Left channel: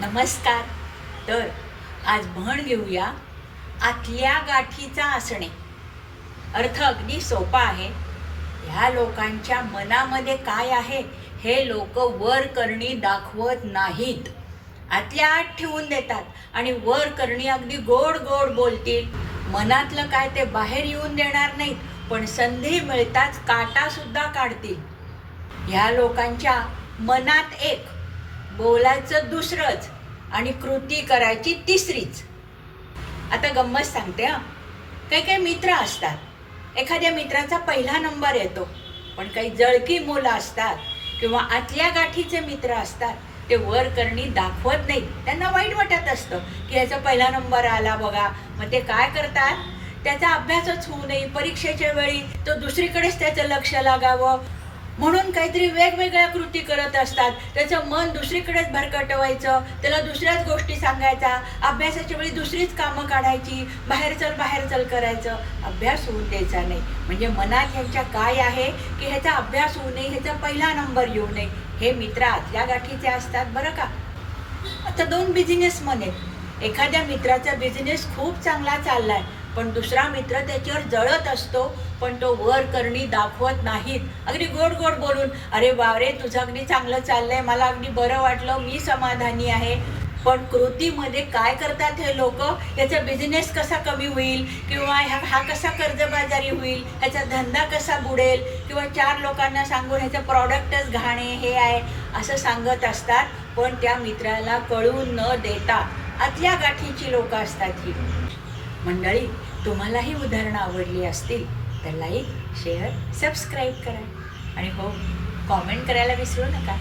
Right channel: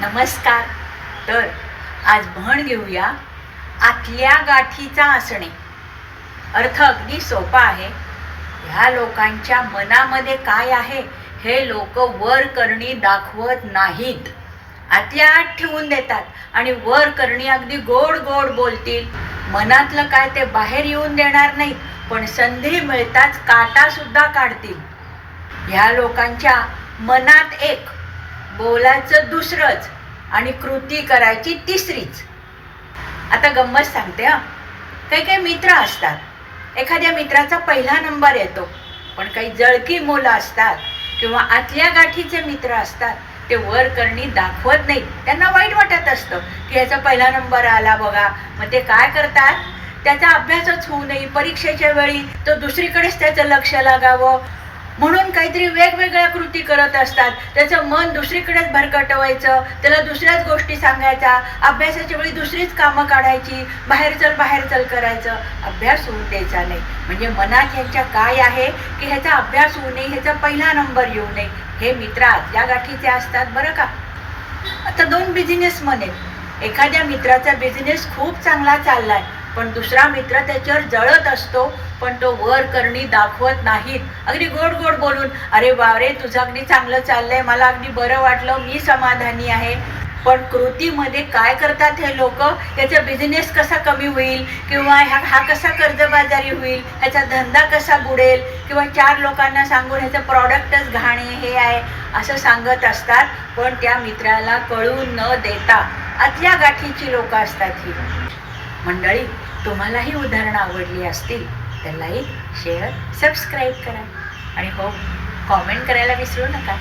नमस्कार. तर आज म्हण घेऊया आतल्या गाठीचा असणे. अर्थ अगदी सोपा आहे. ह्या लोकांच्या मनामध्ये काय आहे हे लोक वर करणी दाखवत नाहीत. आतल्या आत ठेवून देतात आणि वर करणी अगदी गोड गोड बोलतील. मनातलं काय ते बाहेर येऊन देणार नाहीत, पण संधी मिळताच काटा सुद्धा काढतील. ह्या लोकांच्या मनात एक, बोलायचं दुसरंच आणि कृती करायची तिसरीच. आता गंमत सांगते हा. काही काही मित्र असतात, एखाद्या मित्राचा पहिला नंबर येतो, पण काही जळकी मुलं असतात किंवा आतल्या गाठीचे मित्र असतात, ते वर करणी दाखवत नाहीत. त्यांना वाईट वाटत असतं की ह्याचा पहिला नंबर आला बघा. मग ते काय करतात, त्याचा अभ्यासच होऊ नये, परीक्षेच्या वेळी तो दुसरीकडेच त्याचं लक्ष लागावं म्हणून काहीतरी वेगवेगळ्या कृती करत असतात. त्याचं मन दुसरीकडेच भरकटवायचं, त्याला दुसऱ्याच गोष्टी सांगायच्या, अभ्यासाच्या वेळी दुसरीच कामं काढायची, बाहेर चल करायचं, अभ्यास होऊ द्यायचा नाही. म्हणजे मनात ह्यांच्या काय आहे की ह्याचा अभ्यास होऊ नये, ह्याचा पहिला नंबर येऊ नये. हे मित्र आतल्या गाठीचे असतात बरं का. आता दोन बिझनेसमन आहेत. एखाद्या मित्राचा बिझनेस खूप चांगला चाललाय, पण दुसरा मित्र त्याच्यावर जळत असतो, पण तो वर करणी दाखवत नाहीत. अगदी गोड गोड बोलून, अरे बावरे तुझं अगदी चांगलं चाललंय, मला अगदी बरं वाटलं, मी समाधानी आहे. पण कृतीमध्ये काय करतात हे लोक, याचा बिझनेस कसा कमी होईल किंवा हा कसा कर्जबाजारी होईल, ह्याचा धंदा कसा बुडेल, किंवा चार लोकांना सांगून ह्याचं प्रॉडक्टच घाणे हे आहे असं सांगत असतात. पण त्या मित्राला कळून न देता आतल्या गाठीची लोक असतात ही मंडळी. तुम्हालाही उदाहरणं आवडली असतील तर लाईक, शेअर, सबस्क्राईब करा आणि हो, कॉमेंट करायला विसरू नका.